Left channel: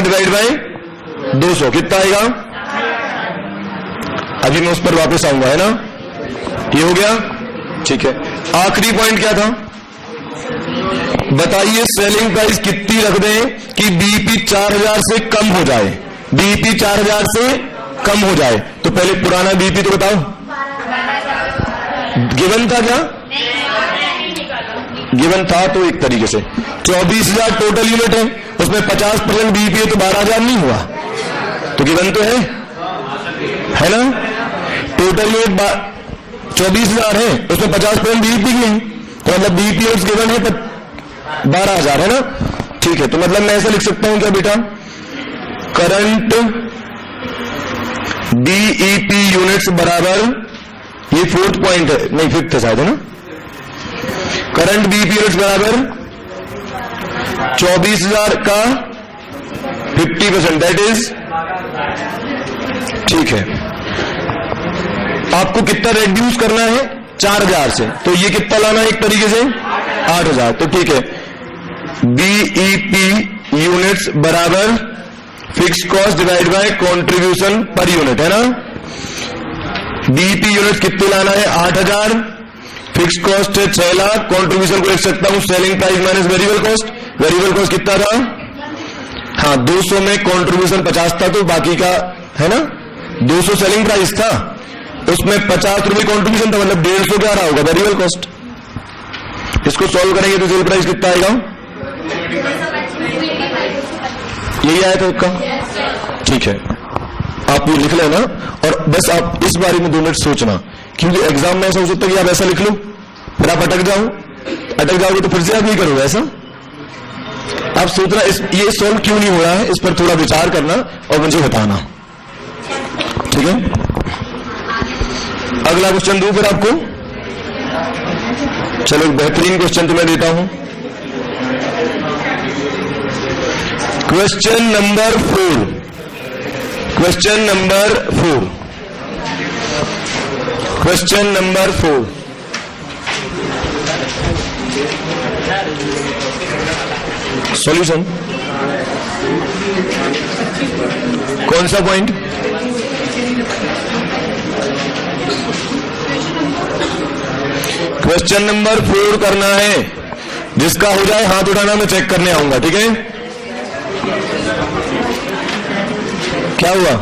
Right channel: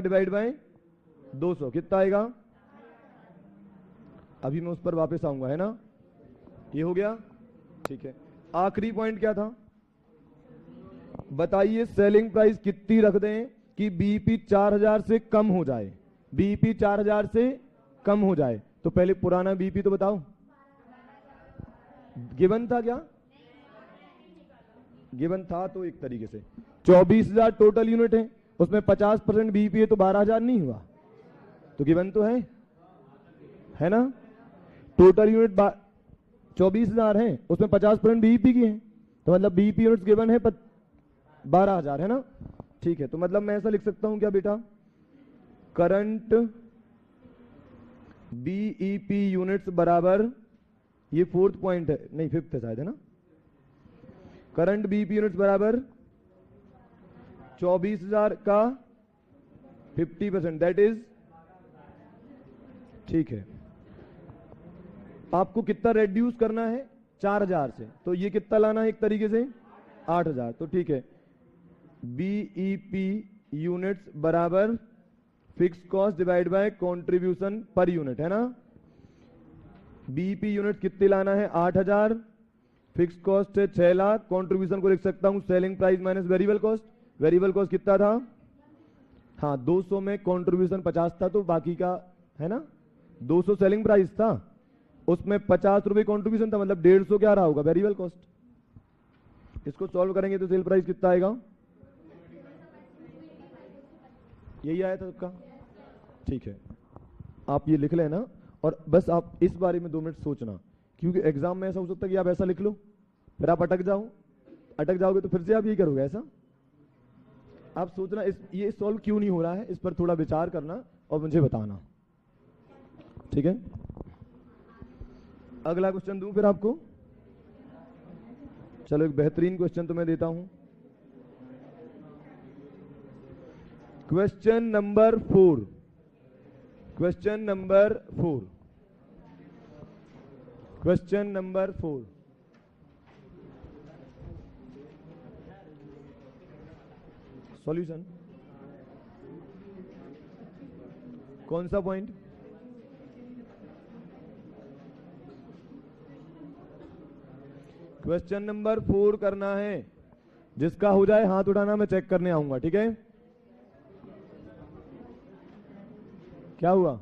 Divide by 200 कितना आएगा? अभी मैं उस पर वापस आऊंगा, है ना? ये हो गया, ठीक है। आखिरी पॉइंट क्या था? बताइए सेलिंग प्राइस कितनी रख दें कि बीईपी 4000 से कम हो जाए? बीईपी 4000 से कम हो जाए तो पहले पुराना बीईपी तो बताओ, गिवन था क्या? गिवन था तो एक तरीके से 24,000 टोटल यूनिट है, उसमें 50% बीईपी है तो 12,000 नहीं हुआ, तो गिवन तो है ना? टोटल यूनिट 24,000 है, उसमें 50% बीईपी की है, तो मतलब बीईपी यूनिट्स गिवन है 12,000, है ना? ठीक है, तो मतलब मैं ऐसा लिख सकता हूं क्या बेटा? करंट बीईपी यूनिट्स बराबर, ये 4th पॉइंट है, नहीं 5th है शायद, है ना? करंट बीईपी यूनिट्स बराबर 24,000 का 50%, दैट इज, ठीक है। आपको कितना रेड्यूस करना है? 4,000 से, तो ये कितना लाना है एक तरीके से? 8,000, तो ठीक है। बीईपी यूनिट्स बराबर fix cost divide by contribution per unit, है ना? बीईपी यूनिट कितने लाना है? 8,000, फिक्स कॉस्ट है 6 लाख, कंट्रीब्यूशन को लिख सकता हूं selling price minus variable cost. Variable cost कितना था? हाँ, 200 में कंट्रीब्यूशन 50 था, तो बाकी का, है ना, 200 सेलिंग प्राइस था, उसमें 50 रुपए कंट्रीब्यूशन था, मतलब 150 क्या रहा होगा? Variable cost. इसको सॉल्व करेंगे तो सेल प्राइस कितना आएगा? यही आया था इसका, ठीक है। आप ये लिख लेना और बस आप इस बारे में 2 मिनट सोचना, क्योंकि एग्जाम में ऐसा हो सकता है कि आप ऐसा लिख लो फिर आप अटक जाओगे तो फिर से आप नहीं करोगे ऐसा। आप सोचना ये सॉल्व क्यों नहीं हो रहा है, इस पर थोड़ा विचार करना और मुझे बताना, ठीक है? अगला क्वेश्चन दूं फिर आपको? चलो एक बेहतरीन क्वेश्चन तो मैं देता हूं। Question number 4। Question number 4। Question number 4। Solution कौन सा पॉइंट? क्वेश्चन नंबर 4 करना है, जिसका हो जाए हाथ उठाना, मैं चेक करने आऊंगा, ठीक है? क्या हुआ?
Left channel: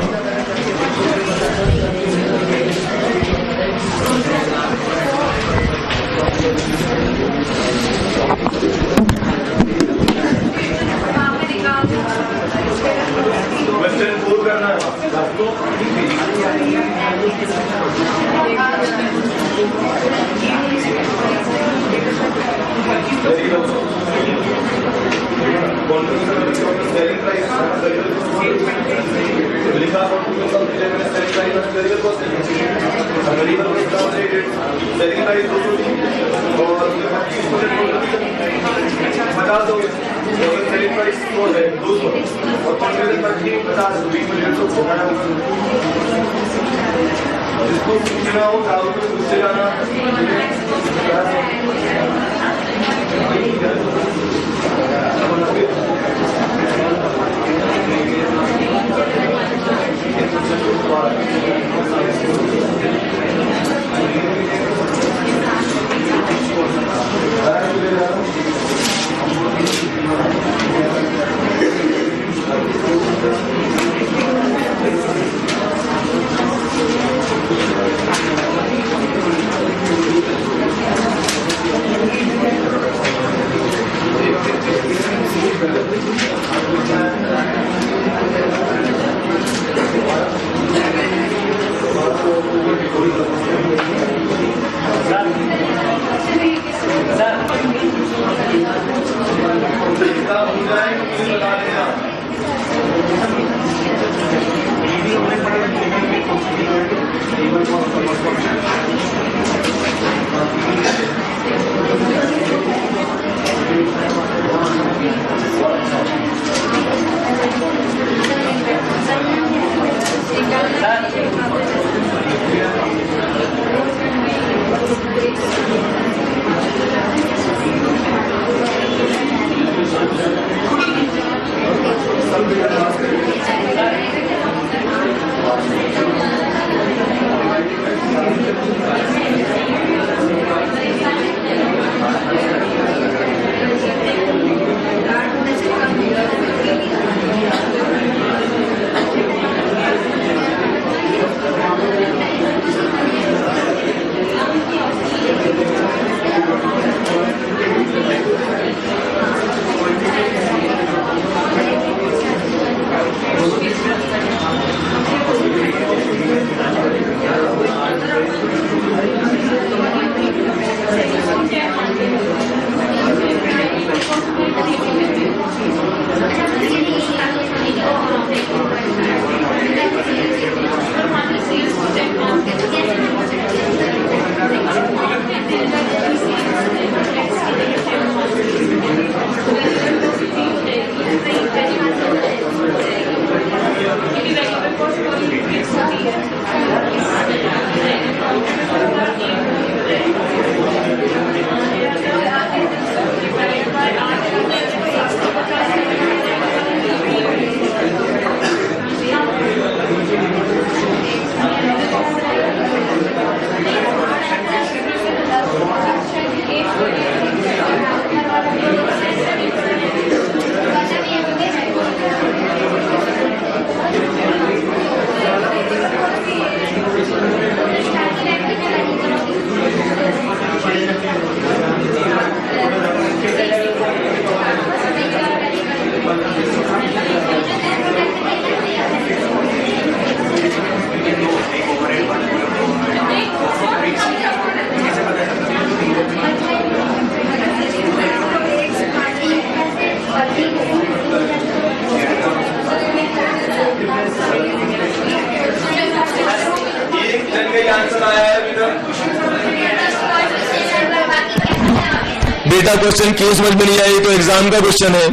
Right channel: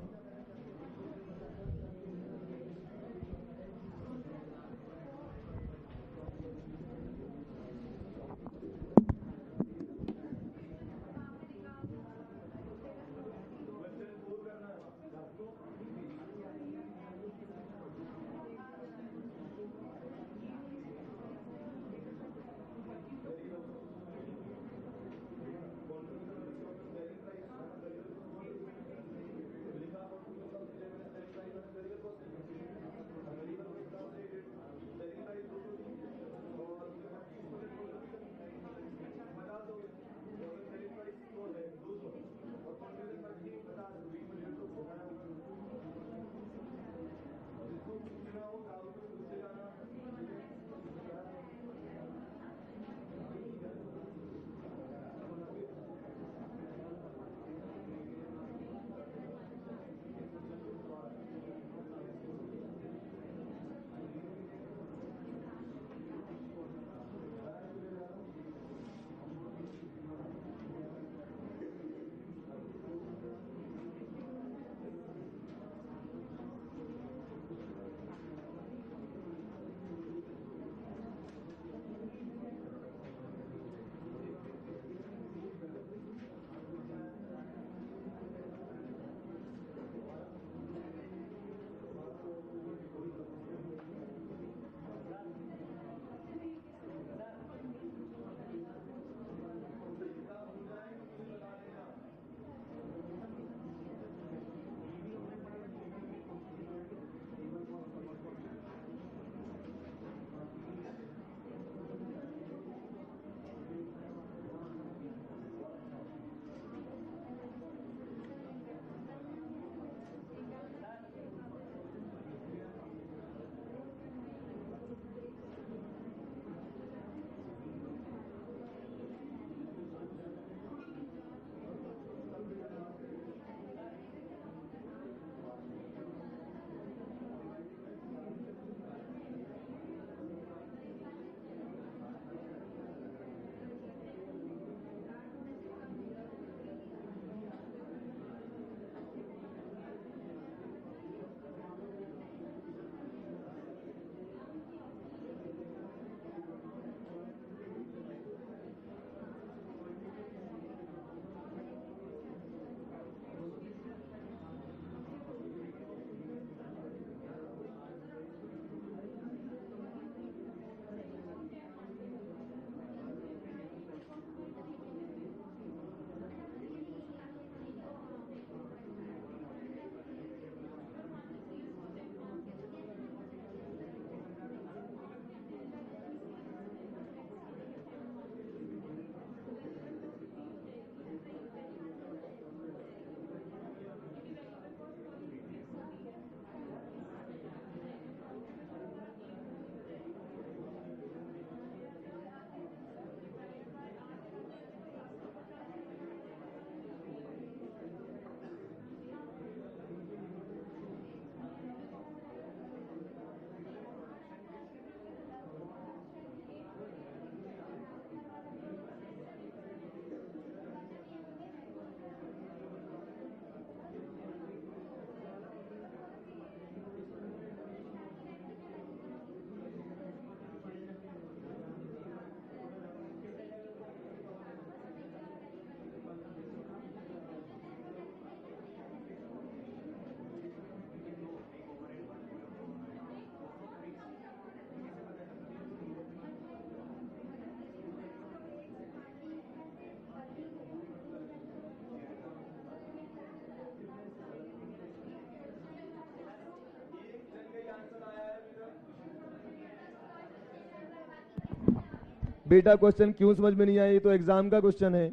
बेटा क्वेश्चन क्यों समझ में नहीं आया, ये तो एग्जाम का क्वेश्चन है,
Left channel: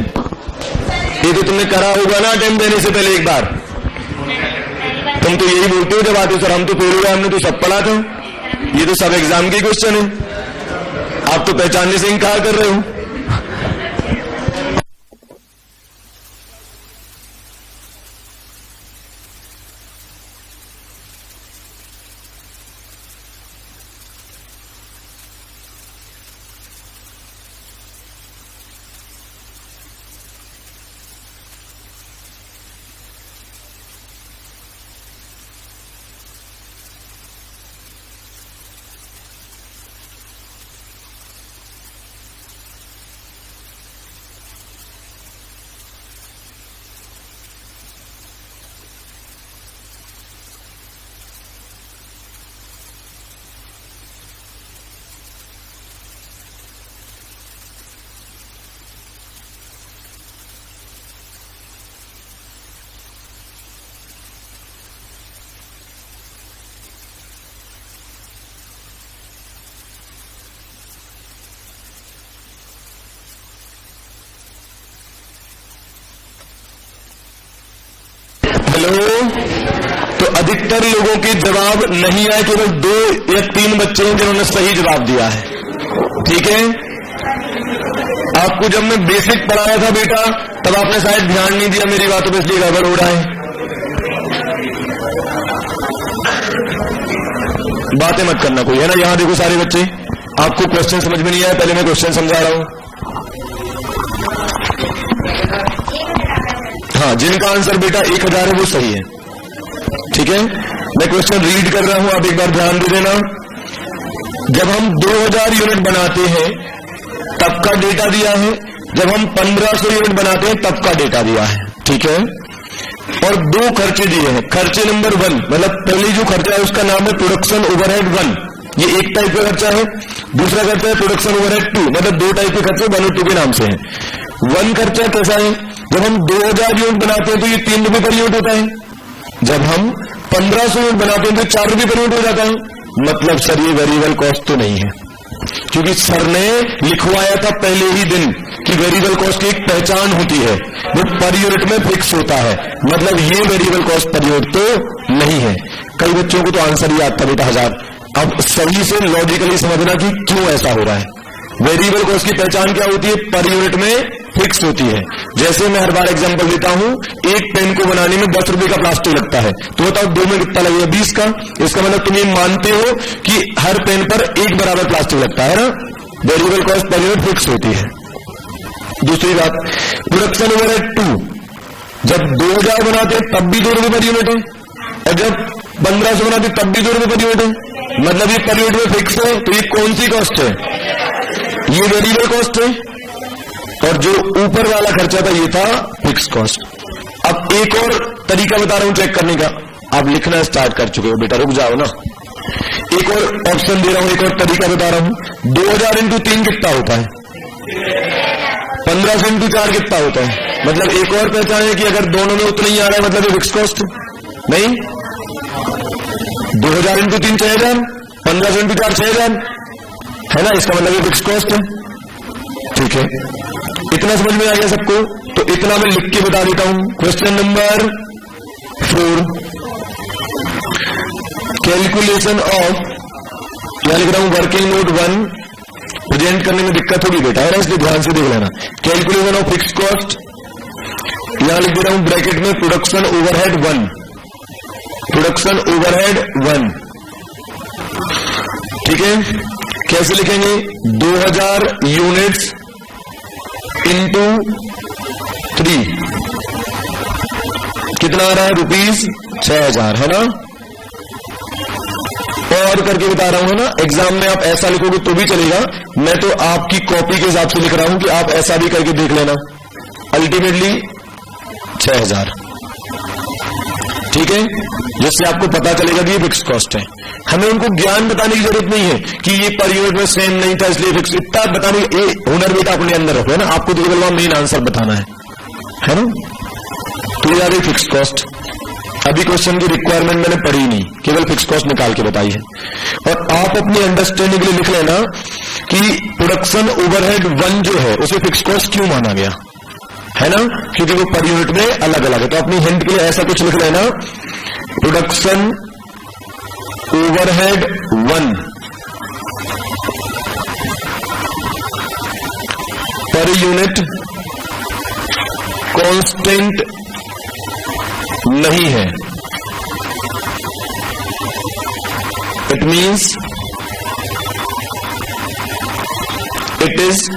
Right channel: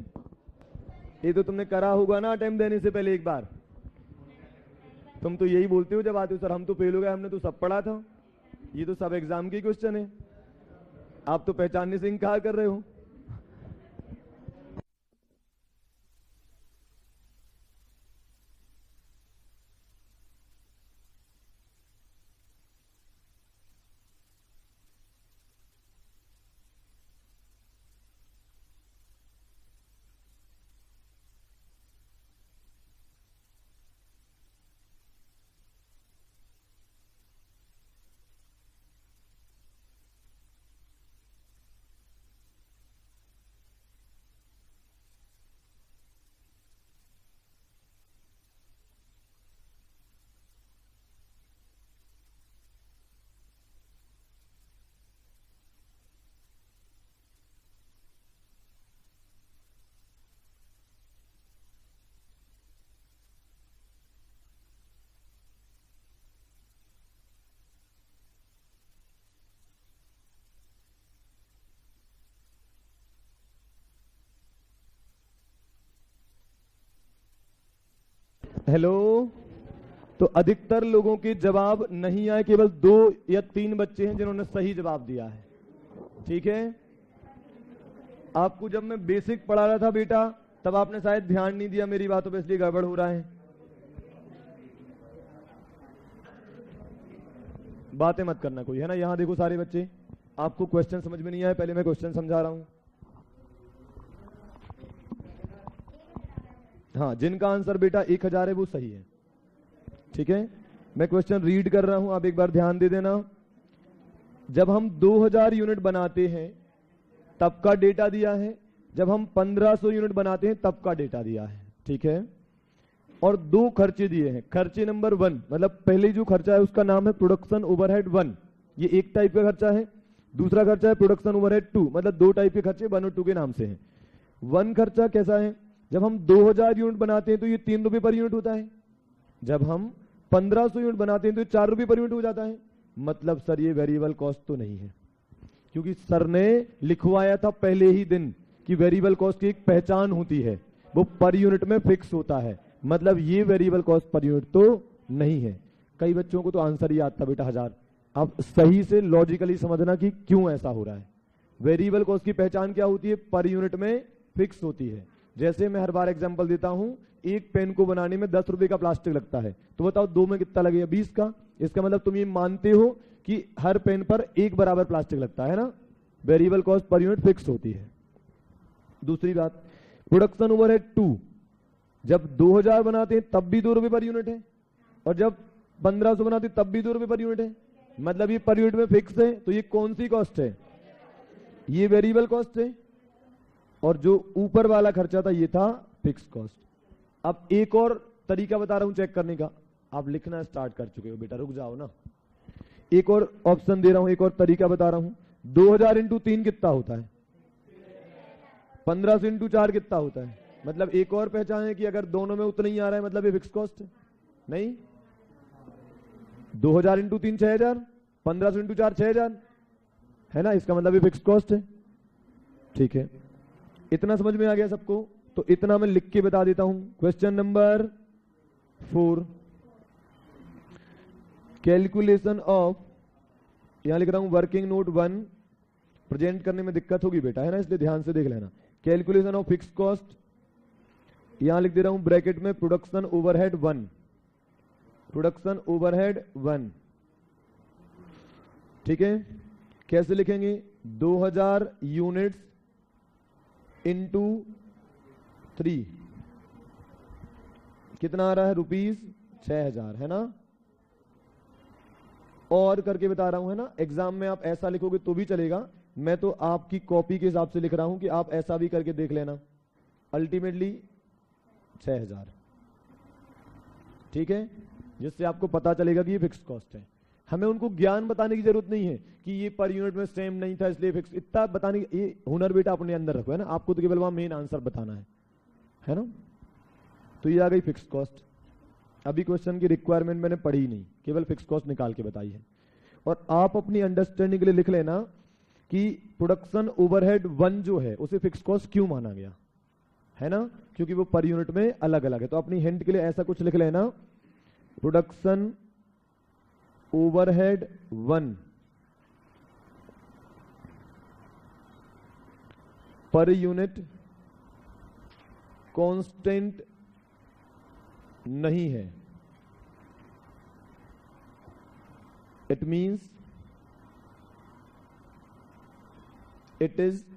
ये तो तुमने करा होगा ना अटेम्प्ट देने से पहले एक बार। तुम तो यही बोलते हो जब आते हो सर हम तो फेल हो गए, हमने तो सब पढ़ा था। ये तो सब एग्जाम के क्वेश्चन है, आप तो पहचानने से इनकार कर रहे हो। हेलो, तो अधिकतर लोगों के जवाब नहीं आए, केवल 2 या 3 बच्चे हैं जिन्होंने सही जवाब दिया है। ठीक है, आपको जब मैं बेसिक पढ़ाया था बेटा तब आपने शायद ध्यान नहीं दिया मेरी बातों पे, इसलिए गड़बड़ हो रहा है। बातें मत करना कोई, है ना। यहां देखो सारे बच्चे, आपको क्वेश्चन समझ में नहीं आया, पहले मैं क्वेश्चन समझा रहा हूं। हाँ, जिनका आंसर बेटा 1000 है वो सही है। ठीक है, मैं क्वेश्चन रीड कर रहा हूं, आप एक बार ध्यान दे देना। जब हम 2000 यूनिट बनाते हैं तब का डेटा दिया है, जब हम 1500 यूनिट बनाते हैं तब का डेटा दिया है। ठीक है, और 2 खर्चे दिए हैं। खर्चे नंबर 1 मतलब पहले जो खर्चा है उसका नाम है प्रोडक्शन ओवरहेड 1, ये एक टाइप का खर्चा है। दूसरा खर्चा है प्रोडक्शन ओवरहेड 2, मतलब 2 टाइप के खर्चे 1 और 2 के नाम से है। 1 खर्चा कैसा है, जब हम 2000 यूनिट बनाते हैं तो ये 3 रुपए पर यूनिट होता है। जब हम 1500 यूनिट बनाते हैं तो 4 रुपए पर यूनिट हो जाता है। मतलब सर ये वेरिएबल कॉस्ट तो नहीं है, क्योंकि सर ने लिखवाया था पहले ही दिन कि वेरिएबल कॉस्ट की एक पहचान होती है, वो पर यूनिट में फिक्स होता है। मतलब ये वेरिएबल कॉस्ट पर यूनिट तो नहीं है। कई बच्चों को तो आंसर ही आता बेटा 1000। अब सही से लॉजिकली समझना कि क्यों ऐसा हो रहा है। वेरिएबल कॉस्ट की पहचान क्या होती है, पर यूनिट में फिक्स होती है। जैसे मैं हर बार एग्जांपल देता हूं, एक पेन को बनाने में 10 रुपए का प्लास्टिक लगता है, तो बताओ 2 में कितना लगेगा, 20 का। इसका मतलब तुम ये मानते हो कि हर पेन पर एक बराबर प्लास्टिक लगता है ना। Variable cost per unit fix होती है। दूसरी बात, प्रोडक्शन ओवरहेड 2, जब 2000 बनाते हैं तब भी 2 रुपए पर यूनिट है, और जब 1500 बनाते हैं तब भी 2 रुपए पर यूनिट है। मतलब ये पर यूनिट में फिक्स है, तो ये कौन सी कॉस्ट है, ये वेरिएबल कॉस्ट है। और जो ऊपर वाला खर्चा था ये था फिक्स कॉस्ट। अब एक और तरीका बता रहा हूं चेक करने का, आप लिखना स्टार्ट कर चुके हो बेटा, रुक जाओ ना। एक और ऑप्शन दे रहा हूं, एक और तरीका बता रहा हूं। 2000 इंटू 3 कितना होता है, 1500 इंटू 4 कितना होता है। मतलब एक और पहचान है कि अगर दोनों में उतना ही आ रहा है मतलब ये फिक्स कॉस्ट नहीं। 2000 इंटू 3 6000, 1500 इंटू 4 6000 है ना, इसका मतलब ये फिक्स कॉस्ट है। ठीक है, इतना समझ में आ गया सबको, तो इतना मैं लिख के बता देता हूं। क्वेश्चन नंबर 4, कैलकुलेशन ऑफ, यहां लिख रहा हूं वर्किंग नोट 1, प्रेजेंट करने में दिक्कत होगी बेटा, है ना, इसलिए ध्यान से देख लेना। कैलकुलेशन ऑफ फिक्स कॉस्ट, यहां लिख दे रहा हूं ब्रैकेट में प्रोडक्शन ओवरहेड 1, प्रोडक्शन ओवरहेड 1। ठीक है, कैसे लिखेंगे, 2000 यूनिट्स इंटू 3 कितना आ रहा है, ₹6000, है ना। और करके बता रहा हूं, है ना। एग्जाम में आप ऐसा लिखोगे तो भी चलेगा, मैं तो आपकी कॉपी के हिसाब से लिख रहा हूं कि आप ऐसा भी करके देख लेना। अल्टीमेटली 6000, ठीक है, जिससे आपको पता चलेगा कि ये फिक्स कॉस्ट है। हमें उनको ज्ञान बताने की जरूरत नहीं है कि ये पर यूनिट में सेम नहीं था इसलिए फिक्स, इतना बताने ये हुनर बेटा अपने अंदर रखो, है ना। आपको तो केवल वहां मेन आंसर बताना है ना। तो ये आ गई फिक्स कॉस्ट। अभी क्वेश्चन की रिक्वायरमेंट मैंने पढ़ी नहीं, केवल फिक्स कॉस्ट निकाल के बताई है। और आप अपनी अंडरस्टैंडिंग के लिए लिख लेना कि प्रोडक्शन ओवरहेड 1 जो है उसे फिक्स कॉस्ट क्यों माना गया, है ना, क्योंकि वो पर यूनिट में अलग अलग है। तो अपनी हिंट के लिए ऐसा कुछ लिख लेना, production overhead 1 per unit constant नहीं है। It means it is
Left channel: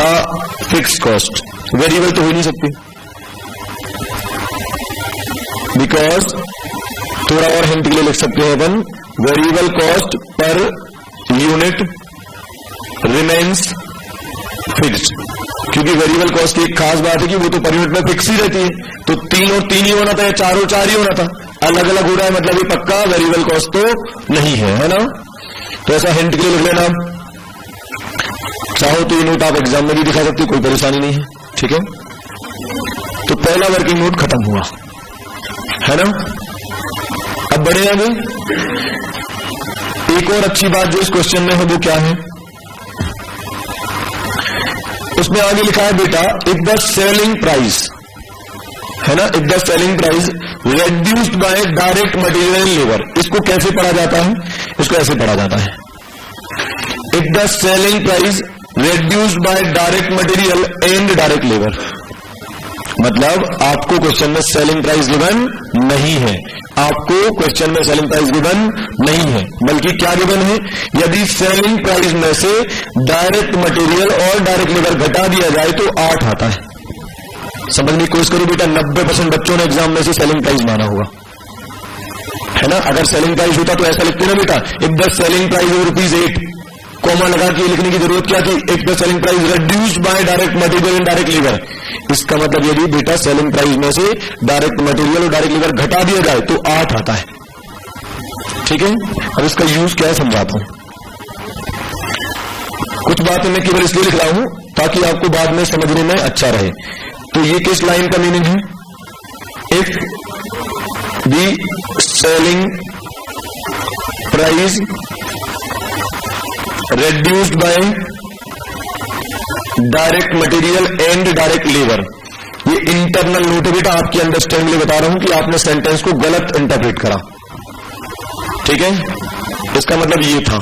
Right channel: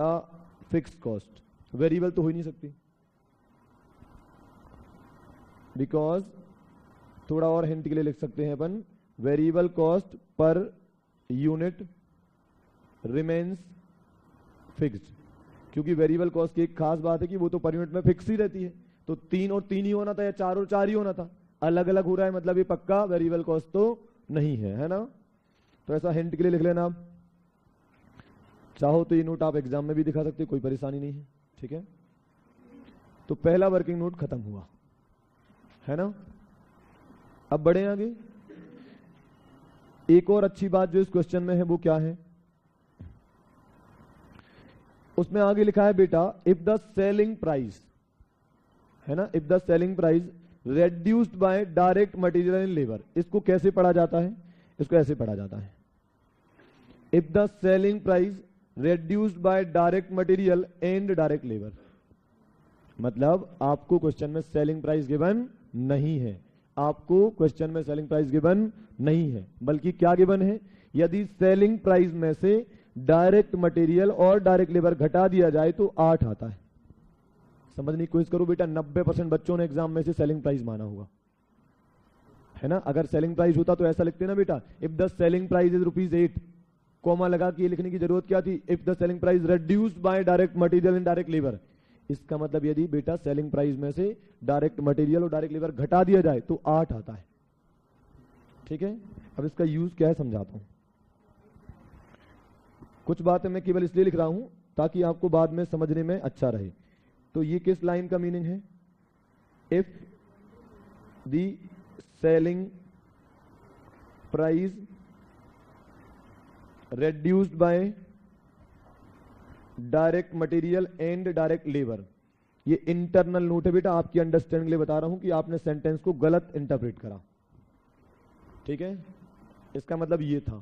a fix cost. Variable तो हो नहीं सकती, बिकॉज थोड़ा और हिंट के लिए लिख सकते हैं अपन, variable cost per unit remains fixed, क्योंकि वेरिएबल कॉस्ट की एक खास बात है कि वो तो पर यूनिट में फिक्स ही रहती है। तो 3 और 3 ही होना था या 4 और 4 ही होना था, अलग अलग हो रहा है मतलब ये पक्का वेरिएबल कॉस्ट तो नहीं है ना। तो ऐसा हिंट के लिए लिख लेना। चाहो तो ये नोट आप एग्जाम में भी दिखा सकते, कोई परेशानी नहीं है, ठीक है। तो पहला वर्किंग नोट खत्म हुआ, है ना। अब बढ़े आगे। एक और अच्छी बात जो इस क्वेश्चन में है वो क्या है, उसमें आगे लिखा है बेटा इफ द सेलिंग प्राइस, है ना, if the selling price reduced by direct material and labour. इसको कैसे पढ़ा जाता है, इसको ऐसे पढ़ा जाता है, if the selling price reduced by direct material and direct labour. मतलब आपको क्वेश्चन में सेलिंग प्राइस गिवन नहीं है, आपको क्वेश्चन में सेलिंग प्राइस गिवन नहीं है, बल्कि क्या गिवन है, यदि सेलिंग प्राइस में से डायरेक्ट मटेरियल और डायरेक्ट लेबर घटा दिया जाए तो 8 आता है। समझने की कोशिश करो बेटा, 90% बच्चों ने एग्जाम में से सेलिंग प्राइस माना होगा, है ना। अगर सेलिंग प्राइस होता तो ऐसा लिखते ना बेटा, if the selling price of ₹8, comma लगा के लिखने की जरूरत क्या थी, if the selling price reduced by direct material and direct labour. इसका मतलब यदि बेटा सेलिंग प्राइस में से डायरेक्ट मटेरियल और डायरेक्ट लेबर घटा दिया जाए तो 8 आता है, ठीक है। अब इसका यूज क्या है समझाता हूं। कुछ बातें मैं केवल इसलिए लिख रहा हूं ताकि आपको बाद में समझने में अच्छा रहे। तो ये किस लाइन का मीनिंग है, if the selling price reduced by direct material and direct labour. ये इंटरनल नोट है बेटा, आपकी अंडरस्टैंडिंग के लिए बता रहा हूं कि आपने सेंटेंस को गलत इंटरप्रेट करा, ठीक है। इसका मतलब ये था,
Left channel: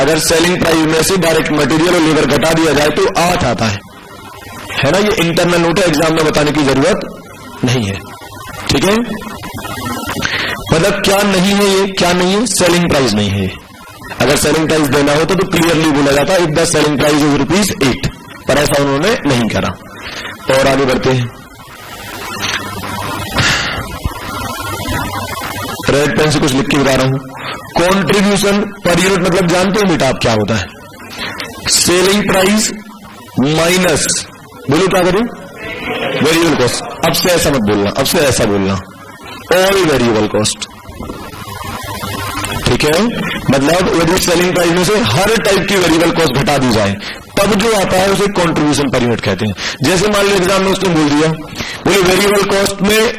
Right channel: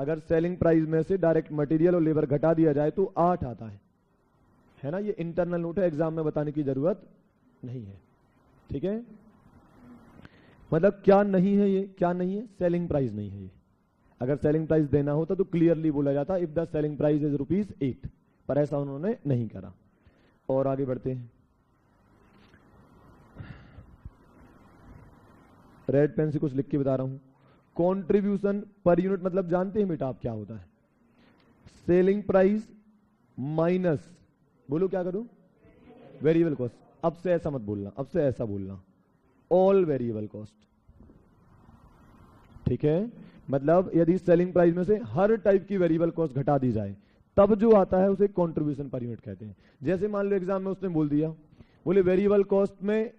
अगर सेलिंग प्राइस में से डायरेक्ट मटेरियल और लेबर घटा दिया जाए तो 8 आता है ना। ये इंटरनल नोट है, एग्जाम में बताने की जरूरत नहीं है, ठीक है। मतलब क्या नहीं है, ये क्या नहीं है, सेलिंग प्राइस नहीं है। अगर सेलिंग प्राइस देना होता तो क्लियरली बोला जाता if the selling price is ₹8, पर ऐसा उन्होंने नहीं करा। और आगे बढ़ते हैं, रेड पेन से कुछ लिख के बता रहा हूं। कंट्रीब्यूशन पर यूनिट मतलब जानते हो बेटा आप क्या होता है, सेलिंग प्राइस माइनस, बोलो क्या करूं, वेरिएबल कॉस्ट। अब से ऐसा मत बोलना, अब से ऐसा बोलना, ऑल वेरिएबल कॉस्ट, ठीक है। मतलब यदि सेलिंग प्राइस में से हर टाइप की वेरिएबल कॉस्ट घटा दी जाए तब जो आता है उसे कंट्रीब्यूशन पर यूनिट कहते हैं। जैसे मान लो एग्जाम में उसने बोल दिया, बोले वेरिएबल कॉस्ट में,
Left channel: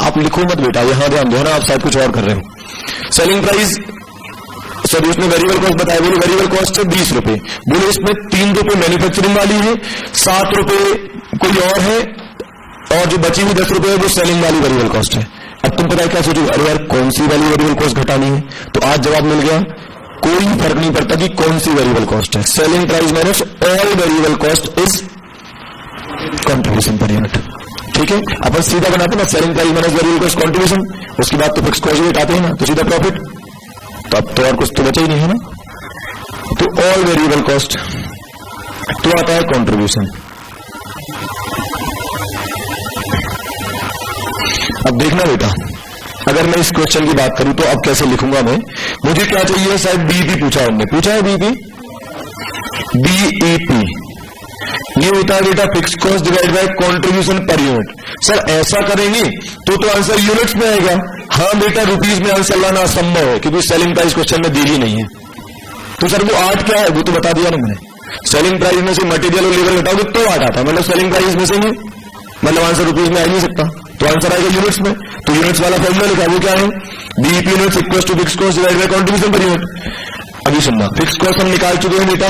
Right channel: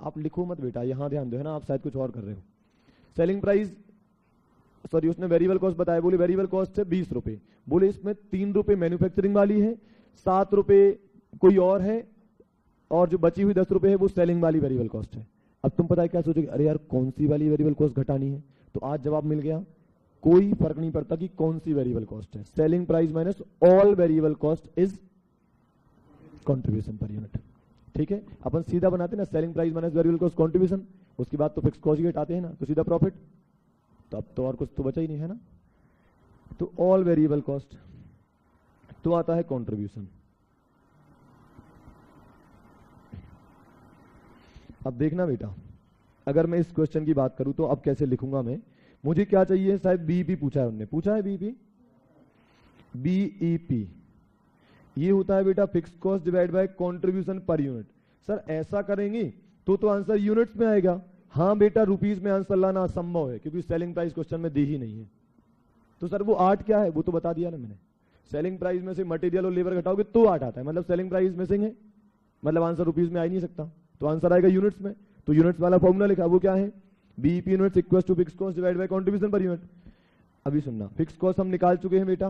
आप लिखो मत बेटा, यहां ध्यान दो ना, आप शायद कुछ और कर रहे हो। सेलिंग प्राइस, सॉरी उसने वेरिएबल कॉस्ट बताया, बोले वेरिएबल कॉस्ट है ₹20, बोले इसमें ₹3 मैन्युफैक्चरिंग वाली है, ₹7 कोई और है, और जो बची हुई ₹10 है वो सेलिंग वाली वेरिएबल कॉस्ट है। अब तुम पता है क्या सोचो, अरे यार कौन सी वाली वेरिएबल कॉस्ट घटानी है, तो आज जवाब मिल गया, कोई फर्क नहीं पड़ता कि कौन सी वेरिएबल कॉस्ट है, selling price minus all variable cost is contribution per unit, ठीक है। अपन सीधा बनाते ना, selling price minus variable cost contribution, उसके बाद तो फिक्स कॉस्ट रेट आते हैं ना, तो सीधा प्रॉफिट, तो अब तो और कुछ तो बचा ही नहीं है ना। तो ऑल वेरिएबल कॉस्ट तो आता है कंट्रीब्यूशन। अब देखना बेटा, अगर मैं इस क्वेश्चन की बात करूं तो अब कैसे लिखूंगा मैं, मुझे क्या चाहिए, शायद बीईपी पूछा हमने, पूछा है बीईपी, बीईपी ये होता है बेटा fix cost divide by contribution per unit. Sir ऐसा करेंगे तो आंसर यूनिट्स में आएगा। हाँ बेटा, रुपीज में आंसर लाना असंभव है क्योंकि सेलिंग प्राइस क्वेश्चन में दी ही नहीं है। तो सर वो 8 क्या है, वो तो बता दिया ना मैंने, सेलिंग प्राइस में से मटेरियल और लेबर घटाओगे तो 8 आता है, मतलब सेलिंग प्राइस में से नहीं, मतलब आंसर रुपीज में आ नहीं सकता, तो आंसर आएगा यूनिट्स में। तो यूनिट्स वाला फॉर्मूला लिखा, वो क्या है, BEP units equal to fix cost divide by contribution per unit. अभी सुनना, फिक्स कॉस्ट हम निकाल चुके हैं बेटा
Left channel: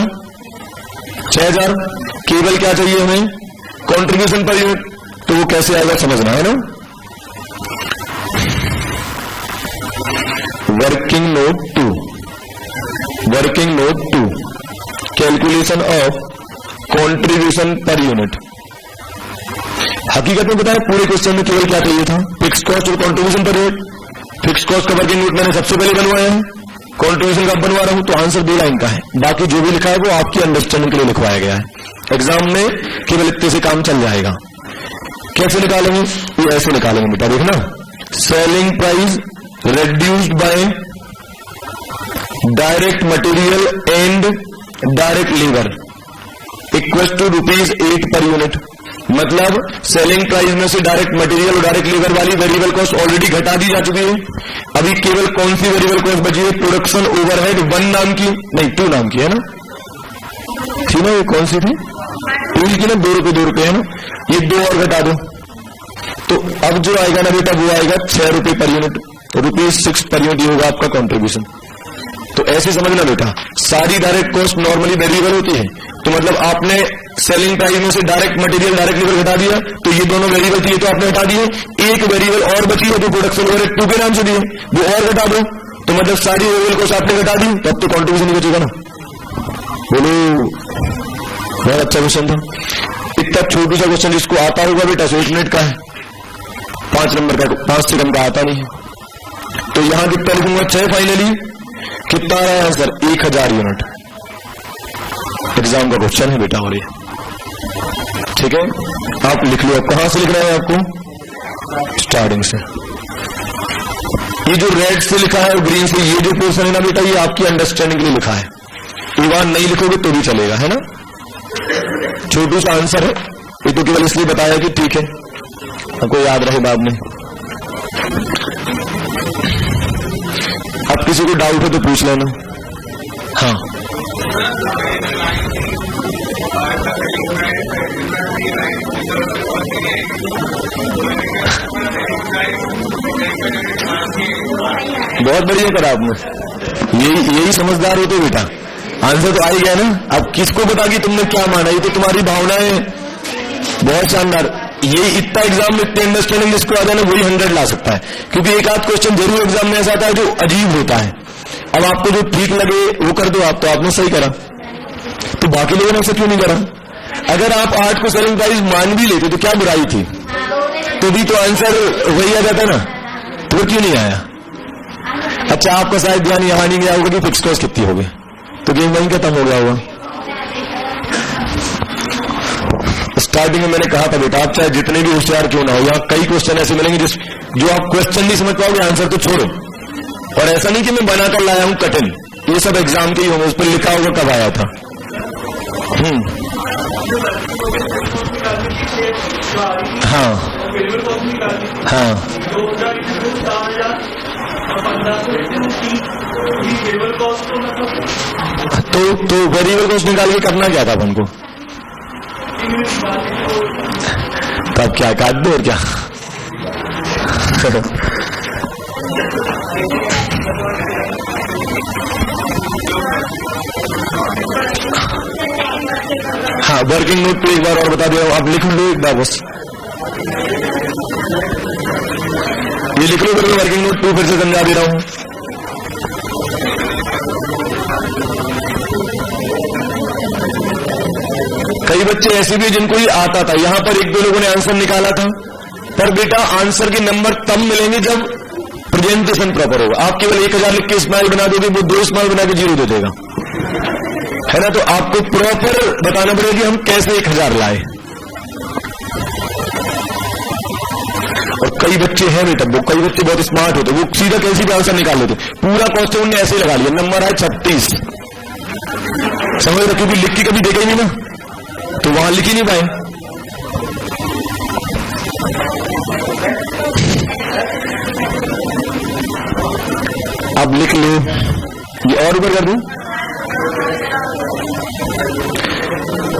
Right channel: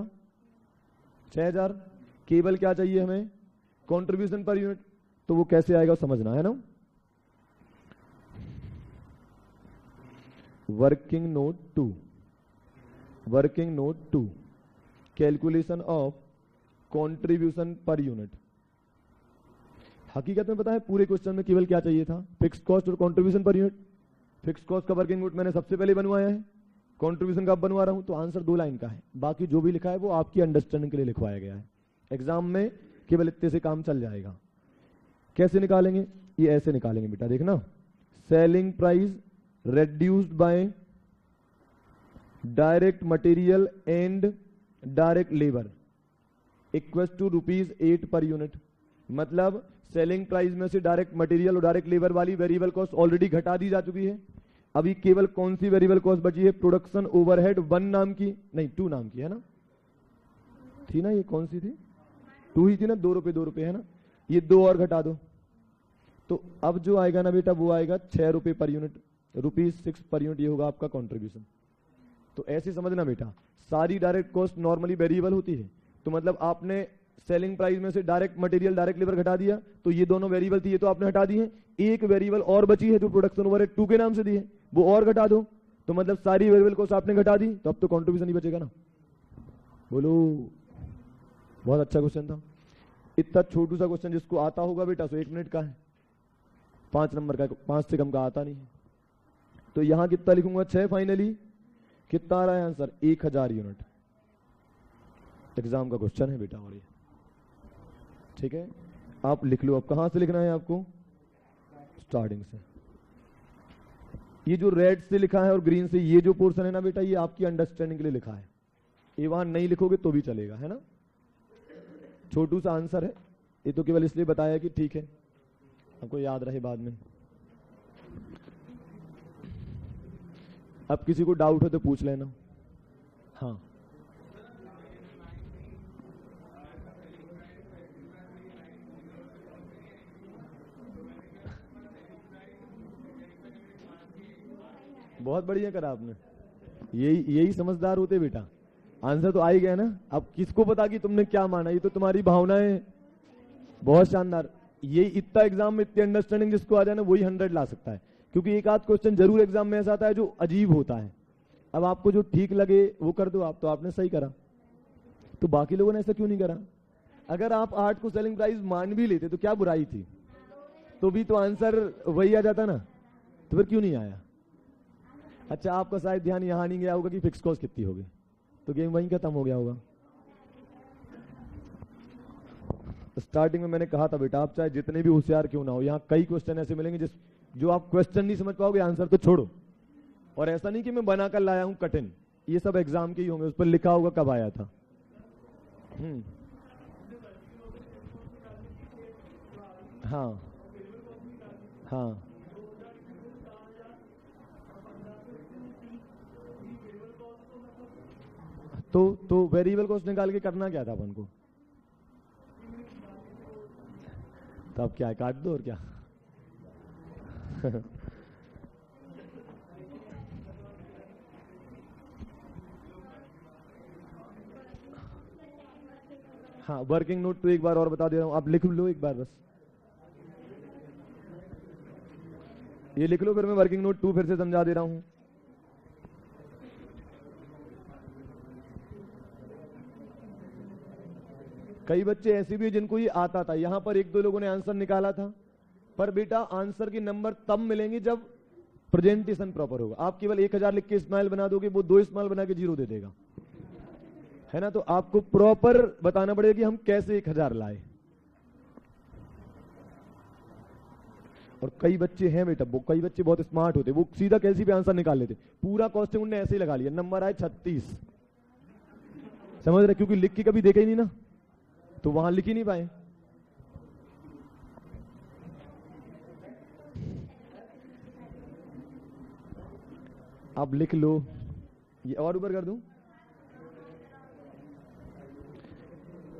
6000, केवल क्या चाहिए हमें, कंट्रीब्यूशन पर यूनिट। तो वो कैसे आएगा समझना है ना। Working note 2 calculation of contribution per unit. हकीकत में बताया पूरे क्वेश्चन में केवल क्या चाहिए था, फिक्स कॉस्ट और contribution per unit. Fix cost का वर्किंग नोट मैंने सबसे पहले बनवाया है, कंट्रीब्यूशन का बनवा रहा हूं, तो आंसर 2 लाइन का है। बाकी जो भी लिखा है वो आपकी अंडरस्टैंडिंग के लिए लिखवाया गया है। एग्जाम में केवल इतने से काम चल जाएगा। कैसे निकालेंगे, ये ऐसे निकालेंगे बेटा, देखना, selling price reduced by direct material and direct labor equals to ₹8 per unit। मतलब सेलिंग प्राइस में से डायरेक्ट मटेरियल और डायरेक्ट लेबर वाली वेरिएबल कॉस्ट ऑलरेडी घटा दी जा चुकी है। अभी केवल कौन सी वेरिएबल कॉस्ट बची है, प्रोडक्शन ओवरहेड 1 नाम की, नहीं 2 नाम की है ना, थी ना, ये कौन सी थी, 2 की ना, ₹2 है ना, ये 2 और घटा दो। तो अब जो आएगा ना बेटा वो आएगा ₹6 पर यूनिट, ₹6 पर यूनिट होगा आपका कंट्रीब्यूशन। तो ऐसे समझना बेटा, सारी डायरेक्ट कॉस्ट नॉर्मली वेरिएबल होती है, तो मतलब आपने सेलिंग प्राइस में से डायरेक्ट मटेरियल डायरेक्ट लेबर घटा दिया, तो ये दोनों वेरिएबल थी, तो आपने हटा दिए। एक वेरिएबल और बची है जो प्रोडक्शन ओवरहेड 2 के नाम से दी है, वो और घटा दो, तो मतलब सारी वेरिएबल कॉस्ट आपने घटा दी, तब तो कंट्रीब्यूशन नहीं बचेगा ना। बोलो, बहुत अच्छा क्वेश्चन था। इतना छोटू सा क्वेश्चन जिसको आता होगा बेटा 1 मिनट का है, 5 नंबर का, 5 से कम का आता नहीं है। तो यहां कितना लिखूंगा 6, फाइनली कितना आ रहा है आंसर, 1000 यूनिट। एग्जाम का क्वेश्चन है बेटा, और ये ठीक है, आप लिख लो। अब कहां से लिखना है आपको, स्टार्टिंग से। ये जो रेड से लिखा है और ग्रीन से, ये जो पोर्शन है ना बेटा, ये आपकी अंडरस्टैंडिंग के लिए लिखा है। एक बार नहीं लिखोगे तो भी चलेगा, है ना। छोटू सा आंसर है, ये तो केवल इसलिए बताया कि ठीक है आपको याद रहे बाद में। अब किसी को डाउट है तो पूछ लेना। हाँ, बहुत बढ़िया करा आपने, यही समझदार होते बेटा। आंसर तो आ ही गया ना। अब किसको बता कि तुमने क्या माना, ये तो तुम्हारी भावनाएं। बहुत शानदार। ये इतना एग्जाम में इतने अंडरस्टैंडिंग जिसको आ जाए ना वही 100 ला सकता है, क्योंकि एक आध क्वेश्चन जरूर एग्जाम में ऐसा आता है जो अजीब होता है। अब आपको जो ठीक लगे वो कर दो आप, तो आपने सही करा, तो बाकी लोगों ने ऐसा क्यों नहीं करा। अगर आप 8 को सेलिंग प्राइस मान भी लेते तो क्या बुराई थी, तो भी तो आंसर वही आ जाता ना, तो क्यों नहीं आया। अच्छा, आपका शायद ध्यान यहां नहीं गया होगा कि फिक्स कॉस्ट कितनी होगी, तो गेम वहीं खत्म हो गया होगा। स्टार्टिंग में मैंने कहा था बेटा, आप चाहे जितने भी होशियार क्यों ना हो, यहाँ कई क्वेश्चन ऐसे मिलेंगे जो आप क्वेश्चन नहीं समझ पाओगे, आंसर तो छोड़ो। और ऐसा नहीं कि मैं बनाकर लाया हूं कठिन, ये सब एग्जाम के ही होंगे, उस पर लिखा होगा कब आया था। हाँ हाँ, तो वेरिएबल कॉस्ट निकाल के करना क्या था अपन को, तब क्या काट दो और क्या। हाँ, वर्किंग नोट पे एक बार और बता दे रहा हूं, आप लिख लो एक बार बस, ये लिख लो करके वर्किंग नोट 2 फिर से समझा दे रहा हूं। कई बच्चे ऐसे भी जिनको ही आता था, यहां पर 1-2 लोगों ने आंसर निकाला था, पर बेटा आंसर के नंबर तब मिलेंगे जब प्रेजेंटेशन प्रॉपर होगा। आप केवल 1000 लिख के स्माइल बना दोगे, वो 2 स्माइल बना के 0 दे देगा, है ना। तो आपको प्रॉपर बताना पड़ेगा कि हम कैसे 1000 लाए। और कई बच्चे हैं बेटा, वो कई बच्चे बहुत स्मार्ट होते, वो सीधा कैसे भी आंसर निकाल लेते, पूरा क्वेश्चन उन्होंने ऐसे लगा लिया, नंबर है 36, समझ रखिए, क्योंकि लिख के कभी देखा ही नहीं ना, तो वहां लिख ही नहीं पाए। अब लिख लो, ये और ऊपर कर दूं।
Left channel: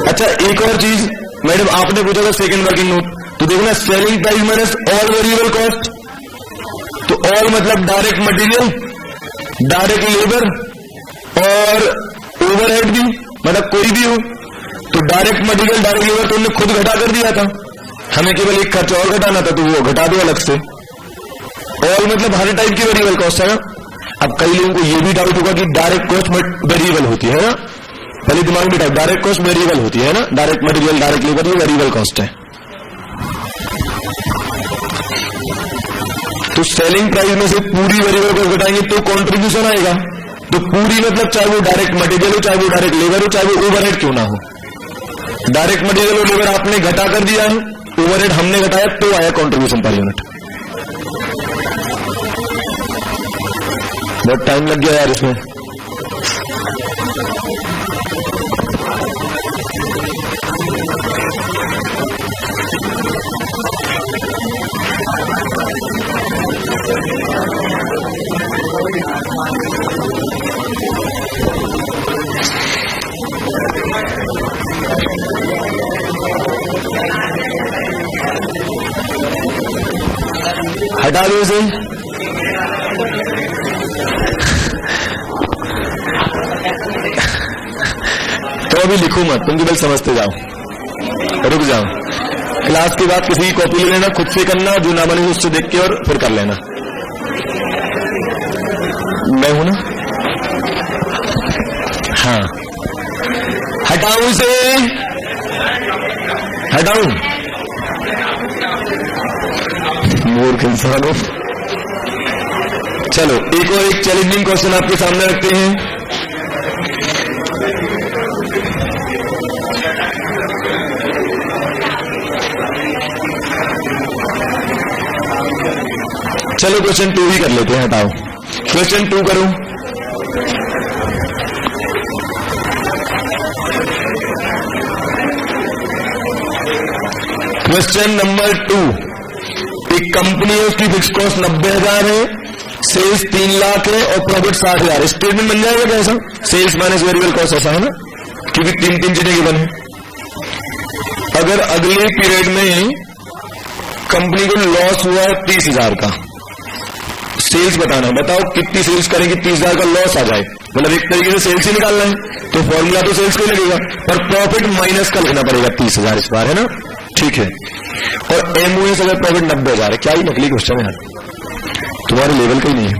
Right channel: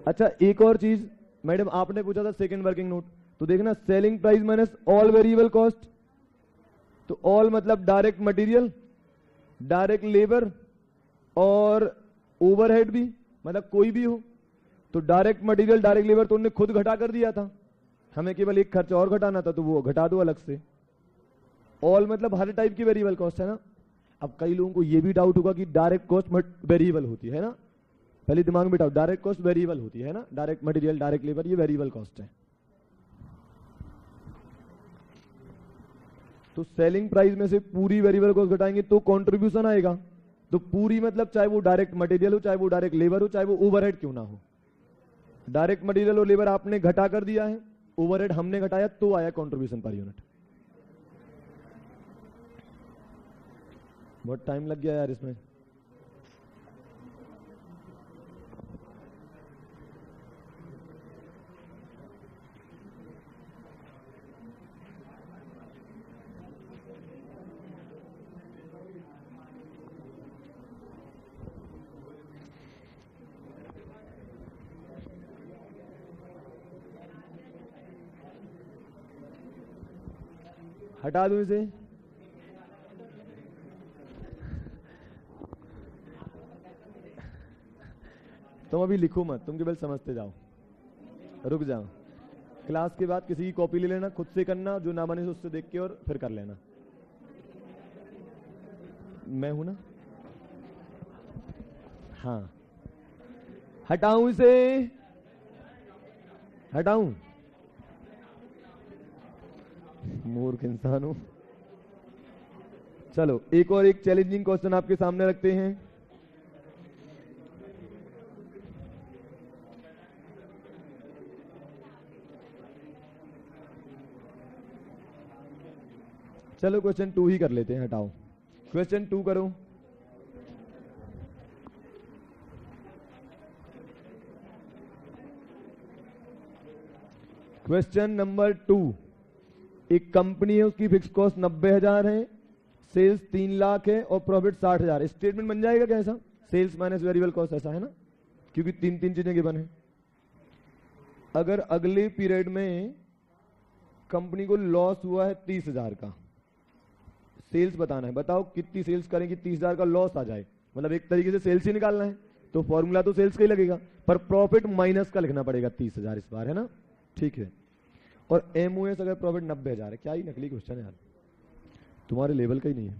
अच्छा, एक और चीज मैडम, आपने पूछा था सेकंड वर्किंग नोट, तो देखना selling price minus all variable cost, तो ऑल मतलब डायरेक्ट मटेरियल, डायरेक्ट लेबर और ओवरहेड भी, मतलब कोई भी हो, तो डायरेक्ट मटेरियल डायरेक्ट लेबर तो उन्होंने खुद घटा कर दिया था, हमें केवल एक खर्च और घटाना था, तो वो घटा दो अलग से। ऑल मतलब हर टाइप की वेरिएबल कॉस्ट है ना। अब कई लोगों को ये भी डाउट होगा कि डायरेक्ट कॉस्ट वेरिएबल होती है ना, पहले दिमाग में डाउट, डायरेक्ट कॉस्ट वेरिएबल होती है ना, डायरेक्ट मटेरियल डायरेक्ट लेबर ये वेरिएबल कॉस्ट है। तो सेलिंग प्राइस में से पूरी वेरिएबल कॉस्ट घटाएंगे तो कंट्रीब्यूशन आएगा। तो पूरी मतलब चाहे वो डायरेक्ट मटेरियल हो, चाहे वो डायरेक्ट लेबर हो, चाहे वो ओवरहेड क्यों ना हो, डायरेक्ट मटेरियल और लेबर आपने घटा कर दिया है, ओवरहेड हमने घटाया, तो आया कंट्रीब्यूशन पर यूनिट। बहुत टाइम लग गया यार इसमें। हटा दो इसे। तो अभी लिखो मत, तुम केवल समझते जाओ, रुक जाओ। क्लास के बाद किसी की कॉपी ले लेना, खुद से करना, जो ना बने उससे देख के और फिर कर लेना। मैं हूं ना, हाँ। हटाऊं इसे, हटाऊं, मूर्ख इंसान हो। चलो एक और एक चैलेंजिंग क्वेश्चन आपके सामने रखते हैं। चलो क्वेश्चन 2 ही कर लेते हैं, हटाओ। क्वेश्चन 2 करो। क्वेश्चन नंबर 2, एक कंपनी है, उसकी फिक्स कॉस्ट 90,000 है, सेल्स 3 लाख है और प्रॉफिट 60,000। स्टेटमेंट बन जाएगा कैसा? सेल्स माइनस वेरिएबल कॉस्ट, ऐसा है ना, क्योंकि 3 चीजें गिवन है। अगर अगले पीरियड में कंपनी को लॉस हुआ है 30,000 का, सेल्स बताना, बताओ कितनी सेल्स करेंगे 30,000 का लॉस आ जाए, मतलब एक तरीके से सेल्स ही निकालना है, तो फॉर्मूला तो सेल्स को ही लगेगा, पर प्रॉफिट माइनस का लिखना पड़ेगा 30,000 इस बार, है ना, ठीक है। और एमओएस अगर प्रॉफिट 90,000 है, क्या ही नकली क्वेश्चन है यार, तुम्हारे लेवल का ही नहीं है।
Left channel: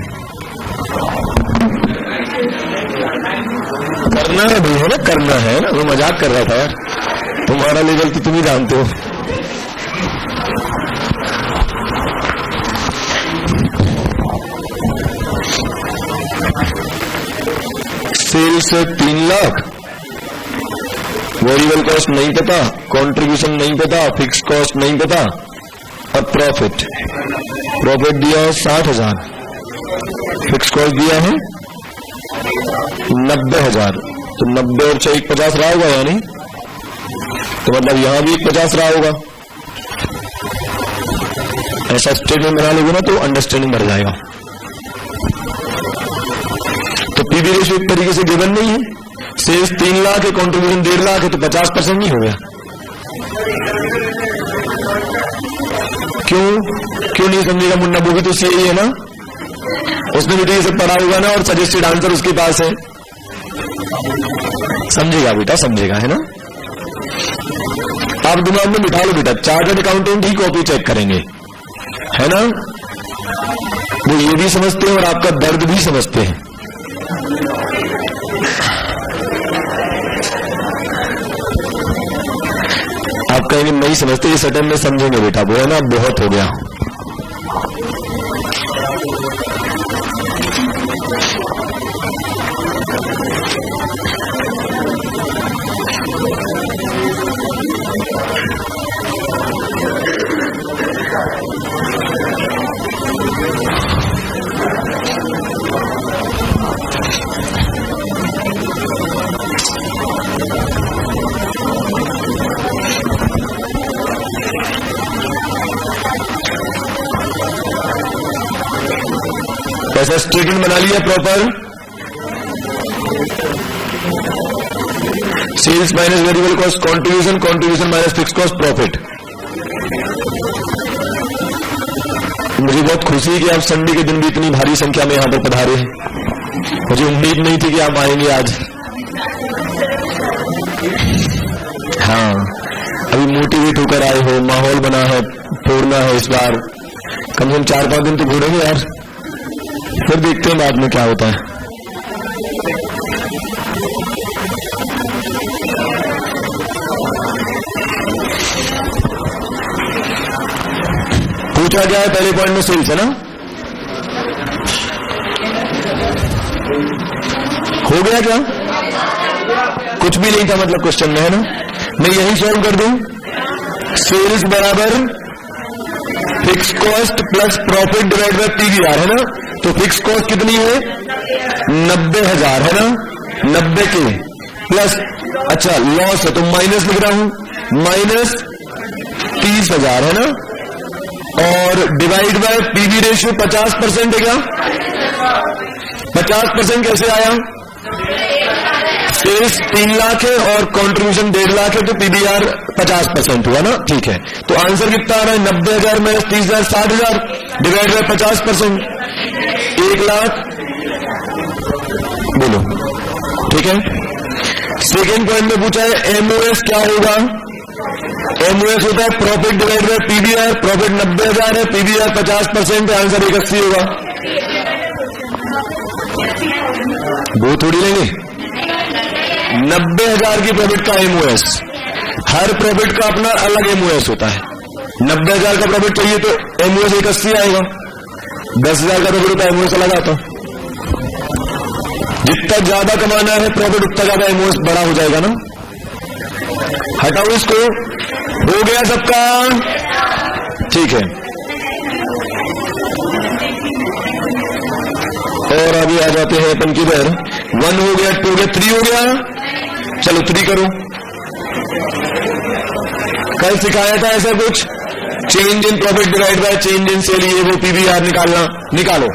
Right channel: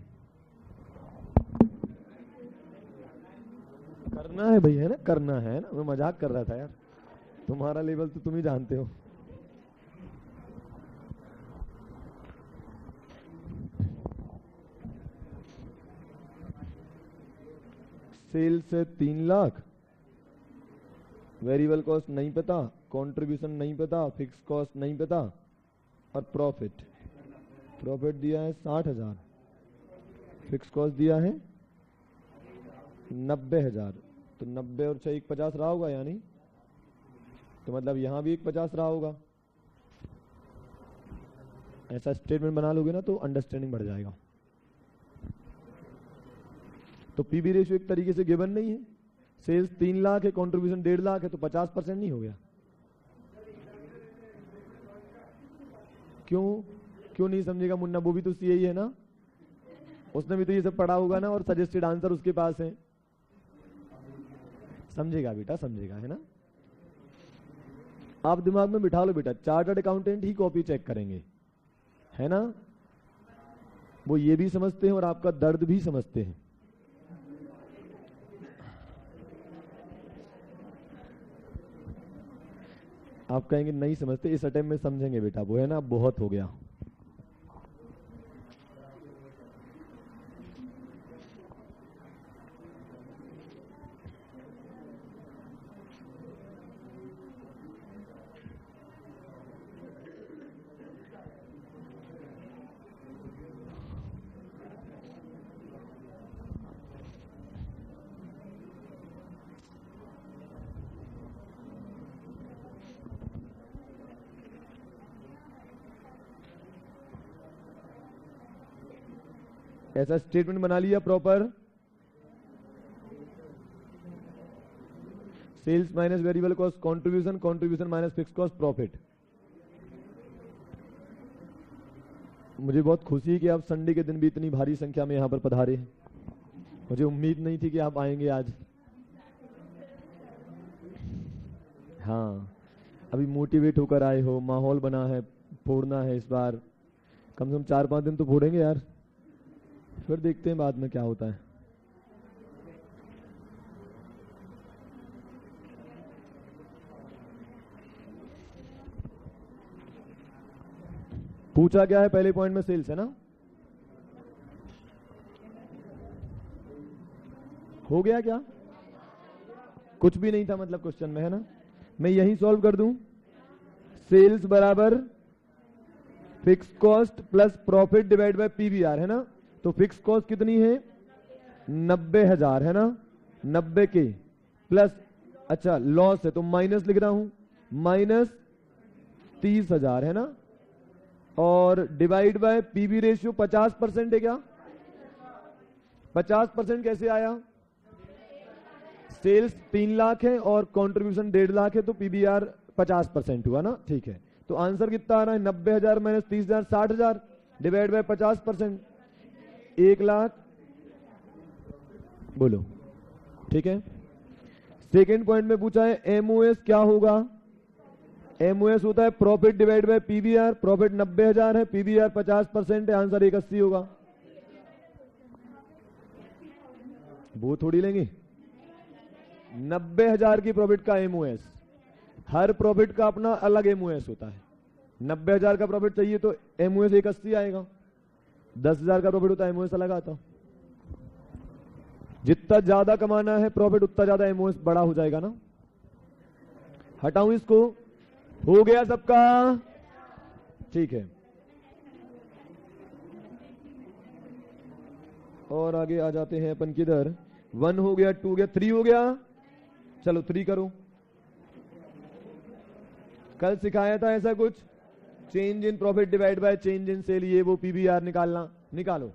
करना है भाई, है ना, करना है ना, वो मजाक कर रहा था यार, तुम्हारा लेवल तो तुम ही जानते हो। सेल्स 3 लाख, वेरिएबल कॉस्ट नहीं पता, कंट्रीब्यूशन नहीं पता, फिक्स कॉस्ट नहीं पता, और प्रॉफिट दिया है 60,000, फिक्स कॉस्ट दिया है 90,000, तो 90 और 6 50 रहा होगा, यानी तो मतलब यहां भी 50 रहा होगा। ऐसा स्टेटमेंट बना लोगे ना तो अंडरस्टैंडिंग बढ़ जाएगा। तो पीवी रेशियो एक तरीके से गिवन नहीं है, सेल्स 3 लाख है, कंट्रीब्यूशन 1.5 लाख है, तो 50% नहीं हो गया। क्यों नहीं समझेगा मुन्ना, वो भी तो सीए है ना, उसने भी तो ये सब पढ़ा होगा ना, और सजेस्टेड आंसर उसके पास है, समझेगा बेटा, समझेगा, है ना। आप दिमाग में बिठा लो बेटा, चार्टर्ड अकाउंटेंट ही कॉपी चेक करेंगे, है ना, वो ये भी समझते हैं और आपका दर्द भी समझते हैं। आप कहेंगे नहीं समझते, इस अटेम्प्ट में समझेंगे बेटा, वो है ना, बहुत हो गया। ऐसा स्टेटमेंट बना लिया proper, sales minus variable cost, contribution minus fix cost, profit. मुझे बहुत खुशी है कि आप संडे के दिन भी इतनी भारी संख्या में यहां पर पधारे हैं। मुझे उम्मीद नहीं थी कि आप आएंगे आज। हाँ, अभी मोटिवेट होकर आए हो, माहौल बना है, फोड़ना है इस बार। कम से कम 4-5 दिन तो घूरेंगे यार, फिर देखते हैं बाद में क्या होता है। पूछा गया है पहले पॉइंट में सेल्स है ना, हो गया क्या? कुछ भी नहीं था मतलब क्वेश्चन में, है ना? मैं यही सॉल्व कर दूं। सेल्स बराबर fix cost plus profit divide bye PVR, है ना? तो फिक्स कॉस्ट कितनी है? 90,000, है ना? 90 के प्लस, अच्छा लॉस है तो माइनस लिख रहा हूं, माइनस 30,000, है ना? और डिवाइड बाय पीवी रेशियो 50% है क्या? 50% कैसे आया? सेल्स 3 लाख है और कंट्रीब्यूशन 1.5 लाख है, तो पीबीआर 50% हुआ ना? ठीक है, तो आंसर कितना आ रहा है? 90,000 माइनस 30,000 60,000 डिवाइड बाय 50%, 1 लाख। बोलो, ठीक है। सेकेंड पॉइंट में पूछा है एमओएस क्या होगा? एमओएस होता है profit divide bye PBR. Profit 90,000 है, पीबीआर 50% है, आंसर 81 होगा। वो थोड़ी लेंगे 90,000 की प्रॉफिट का एमओएस, हर प्रॉफिट का अपना अलग एमओएस होता है। 90,000 का प्रॉफिट चाहिए तो एमओएस 81 आएगा, 10,000 का प्रॉफिट होता है एमओएस अलग आता। जितना ज्यादा कमाना है प्रॉफिट उतना ज्यादा एमओएस बड़ा हो जाएगा ना। हटाओ इसको, हो गया सबका? ठीक है, और आगे आ जाते हैं अपन किधर? 1 हो गया, 2 हो गया, 3 हो गया। चलो 3 करो। कल सिखाया था ऐसा कुछ, change in profit divide by change in sale, ये वो पीवीआर निकालना। निकालो।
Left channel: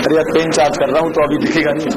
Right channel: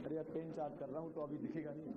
अरे अब पेन चार्ज कर रहा हूं तो अभी दिखेगा नहीं।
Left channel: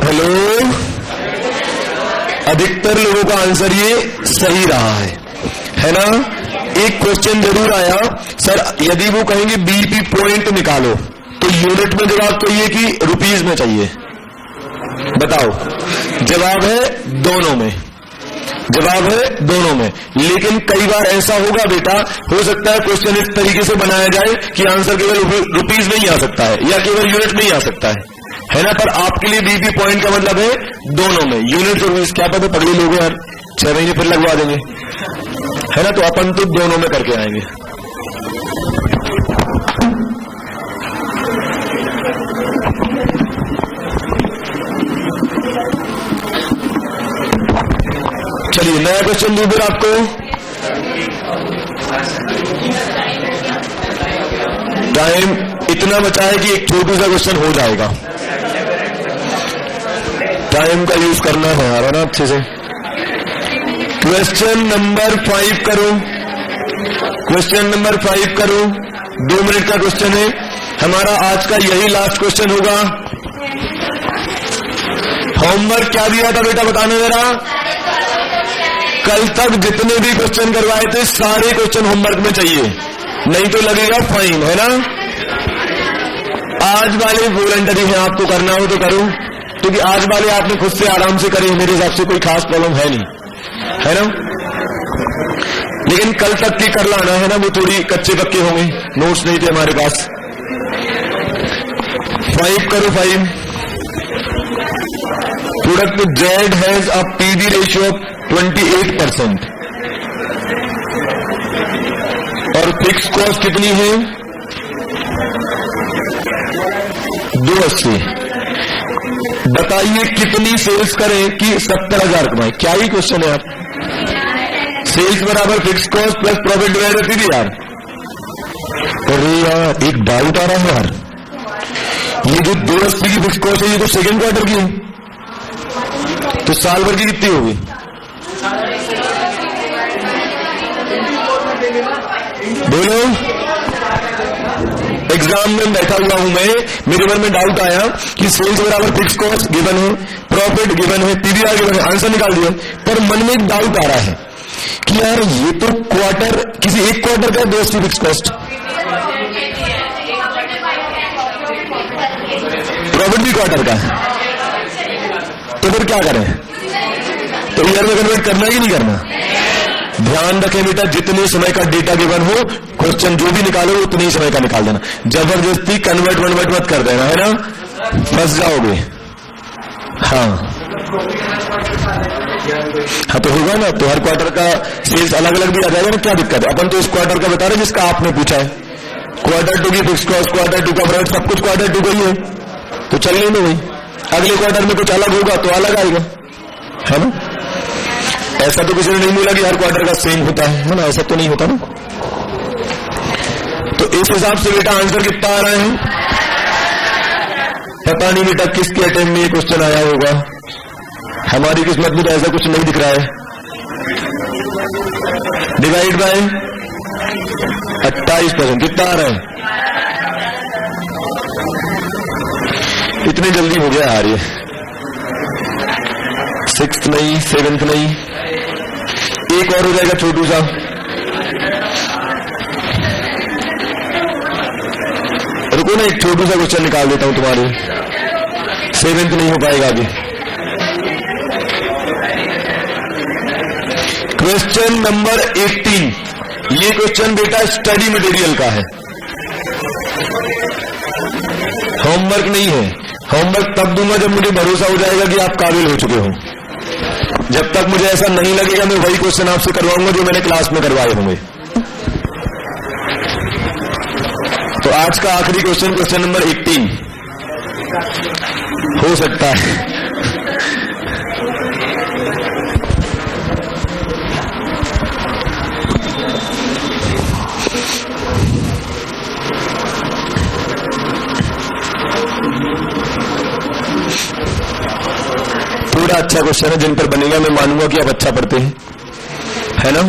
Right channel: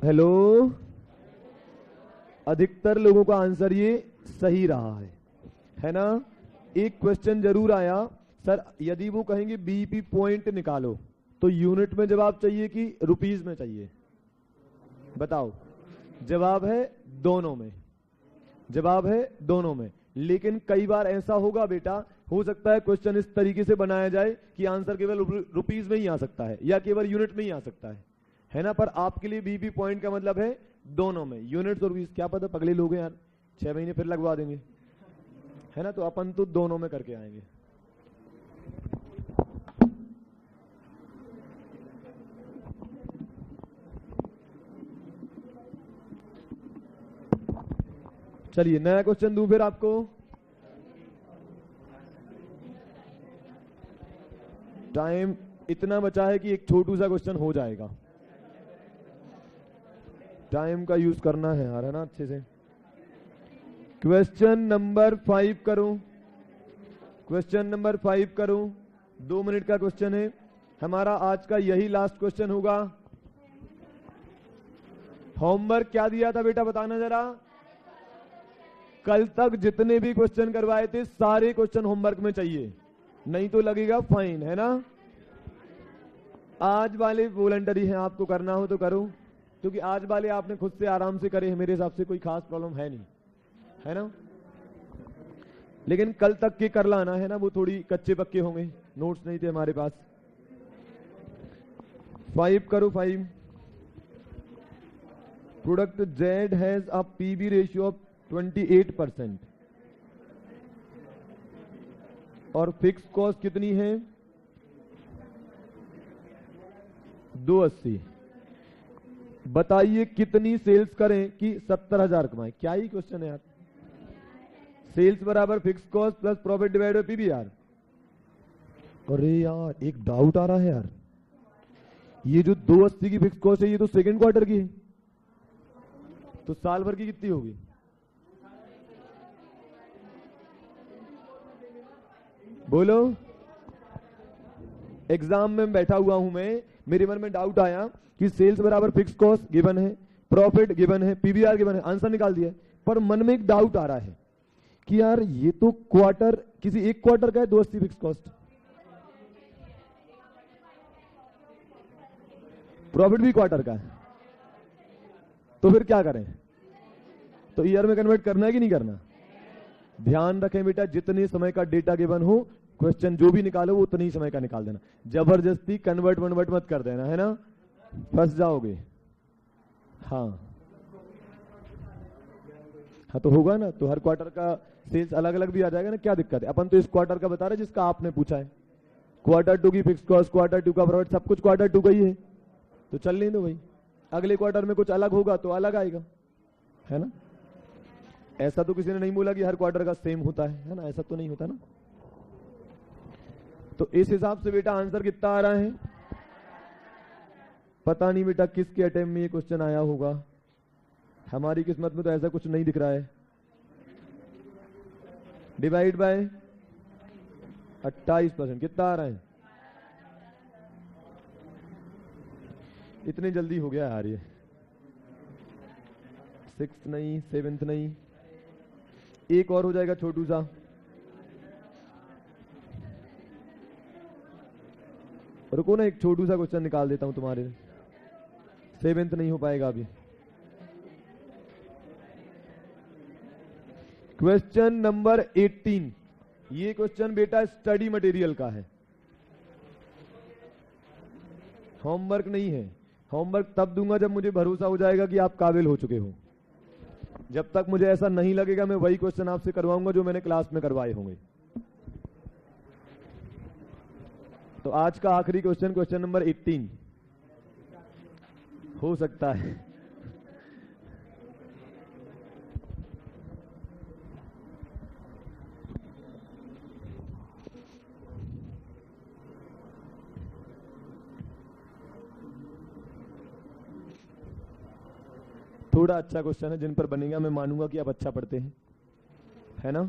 हेलो, अधिकतर लोगों का आंसर ये सही रहा है ना। एक क्वेश्चन जरूर आया, सर यदि वो कहेंगे बीपी पॉइंट निकालो तो यूनिट में जवाब चाहिए कि रुपीज में चाहिए, बताओ। जवाब है दोनों में, जवाब है दोनों में। लेकिन कई बार ऐसा होगा बेटा, हो सकता है क्वेश्चन इस तरीके से बनाया जाए कि आंसर केवल रुपीज में ही आ सकता है या केवल यूनिट में ही आ सकता है ना। पर आपके लिए बीपी पॉइंट का मतलब है दोनों में, यूनिट और रुपीज। क्या पता पगले लोग यार 6 महीने फिर लगवा देंगे, है ना। तो अपन तो दोनों में करके आएंगे। चलिए नया क्वेश्चन दूं फिर आपको। टाइम इतना बचा है कि एक छोटा सा क्वेश्चन हो जाएगा। टाइम का यूज करना है यार, ना अच्छे से। क्वेश्चन नंबर 5 करो, क्वेश्चन नंबर 5 करो। 2 मिनट का क्वेश्चन है हमारा आज का, यही लास्ट क्वेश्चन होगा। होमवर्क क्या दिया था बेटा, बताना जरा। कल तक जितने भी क्वेश्चन करवाए थे सारे क्वेश्चन होमवर्क में चाहिए, नहीं तो लगेगा फाइन, है ना। आज वाले वॉलंटरी है, आपको करना हो तो करो, क्योंकि आज वाले आपने खुद से आराम से करे, मेरे हिसाब से कोई खास प्रॉब्लम है नहीं, है ना। लेकिन कल तक की कर लाना है ना, वो थोड़ी कच्चे पक्के होंगे, नोट्स नहीं थे हमारे पास। 5 करो 5। Product Z has a PV ratio of 28% और फिक्स कॉस्ट कितनी है 280। बताइए कितनी सेल्स करें कि 70,000 कमाए? क्या ही क्वेश्चन है यार। सेल्स बराबर fix cost plus profit divided PVR. अरे यार एक डाउट आ रहा है यार, ये जो 280 की फिक्स कॉस्ट है ये तो सेकेंड क्वार्टर की है, तो साल भर की कितनी होगी? बोलो। एग्जाम में बैठा हुआ हूं मैं, मेरे मन में डाउट आया कि सेल्स बराबर फिक्स कॉस्ट गिवन है, प्रॉफिट गिवन है, पीवीआर गिवन है, आंसर निकाल दिया, पर मन में एक डाउट आ रहा है कि यार ये तो क्वार्टर, किसी एक क्वार्टर का 280 फिक्स कॉस्ट, प्रॉफिट भी क्वार्टर का, तो फिर क्या करें? तो ईयर में कन्वर्ट करना है कि नहीं करना? ध्यान रखें बेटा, जितने समय का डेटा गिवन हो, क्वेश्चन जो भी निकालो उतने ही समय का निकाल देना, जबरदस्ती कन्वर्ट वनवर्ट मत कर देना, है ना, फंस जाओगे। हाँ हाँ, तो होगा ना, तो हर क्वार्टर का सेल्स अलग अलग भी आ जाएगा ना, क्या दिक्कत है? अपन तो इस क्वार्टर का बता रहे जिसका आपने पूछा है, क्वार्टर 2 की फिक्स कॉस्ट, क्वार्टर 2 का प्रॉफिट, सब कुछ क्वार्टर 2 का ही है, तो चलने में वही, अगले क्वार्टर में कुछ अलग होगा तो अलग आएगा, है ना। ऐसा तो किसी ने नहीं बोला कि हर क्वार्टर का सेम होता है ना, ऐसा तो नहीं होता ना। तो इस हिसाब से बेटा आंसर कितना आ रहा है? पता नहीं बेटा किसके अटेम्प्ट में ये क्वेश्चन आया होगा, हमारी किस्मत में तो ऐसा कुछ नहीं दिख रहा है। डिवाइड बाय 28%, कितना आ रहा है? इतनी जल्दी हो गया यार ये, 6th नहीं, 7th नहीं, एक और हो जाएगा छोटू सा। रुको ना, एक छोटू सा क्वेश्चन निकाल देता हूं तुम्हारे, 7th नहीं हो पाएगा अभी। क्वेश्चन नंबर 18, ये क्वेश्चन बेटा स्टडी मटेरियल का है, होमवर्क नहीं है। होमवर्क तब दूंगा जब मुझे भरोसा हो जाएगा कि आप काबिल हो चुके हो। जब तक मुझे ऐसा नहीं लगेगा मैं वही क्वेश्चन आपसे करवाऊंगा जो मैंने क्लास में करवाए होंगे। तो आज का आखिरी क्वेश्चन, क्वेश्चन नंबर 18 हो सकता है। थोड़ा अच्छा क्वेश्चन है, जिन पर बनेगा मैं मानूंगा कि आप अच्छा पढ़ते हैं, है ना।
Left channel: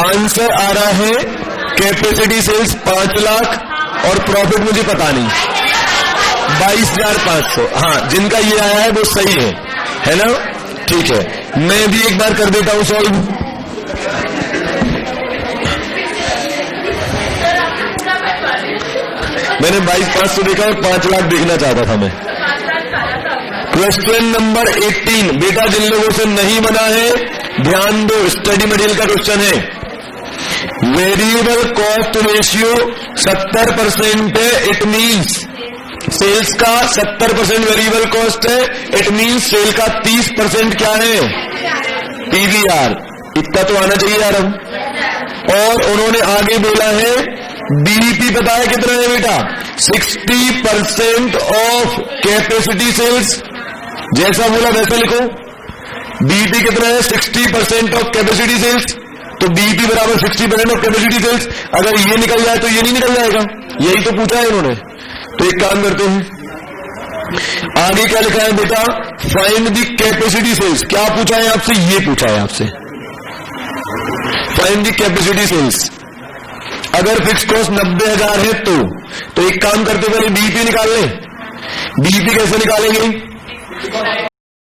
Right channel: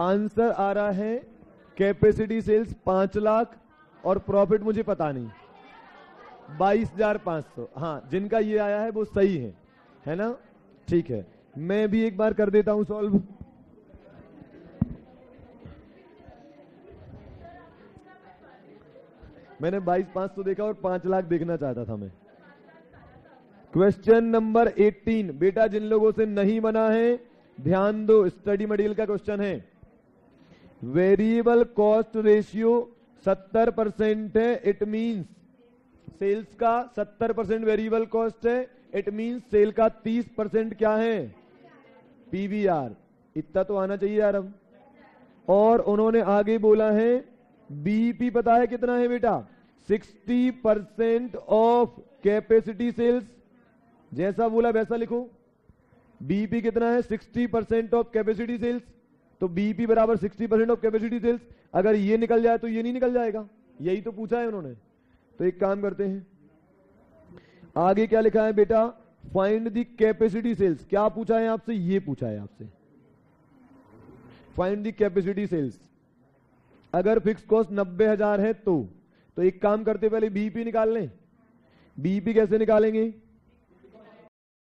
आंसर आ रहा है कैपेसिटी सेल्स 5 लाख और प्रॉफिट मुझे पता नहीं 22,500। हाँ, जिनका ये आया है वो सही है ना? ठीक है, मैं भी एक बार कर देता हूं सॉल्व। मैंने 22,500 देखा और 5 लाख देखना चाहता था मैं। क्वेश्चन नंबर 18, बेटा जिन लोगों से नहीं बना है ध्यान दो, स्टडी मटेरियल का क्वेश्चन है। वेरिएबल कॉस्ट रेशियो 70% है, इट मीन्स सेल्स का 70% वेरिएबल कॉस्ट है, इट मीन्स सेल का 30% क्या है? पीवीआर। इतना तो आना चाहिए यार हम। और उन्होंने आगे बोला है बीईपी पता है कितना है बेटा? 60% ऑफ कैपेसिटी सेल्स। जैसा बोला वैसा लिखो। बीईपी कितना है? 60% ऑफ कैपेसिटी सेल्स। तो बीईपी बराबर 60% ऑफ कैपेसिटी सेल्स। अगर ये निकल जाए तो ये नहीं निकल जाएगा, यही तो पूछा है इन्होंने। तो एक काम करते हैं, आगे क्या लिखा है बेटा? Find the capacity sales. क्या पूछा है आपसे? ये पूछा है आपसे, फाइंड द कैपेसिटी सेल्स। अगर फिक्स कॉस्ट 90,000 है तो एक काम करते पहले बीईपी निकाल लें। बीईपी कैसे निकालेंगे?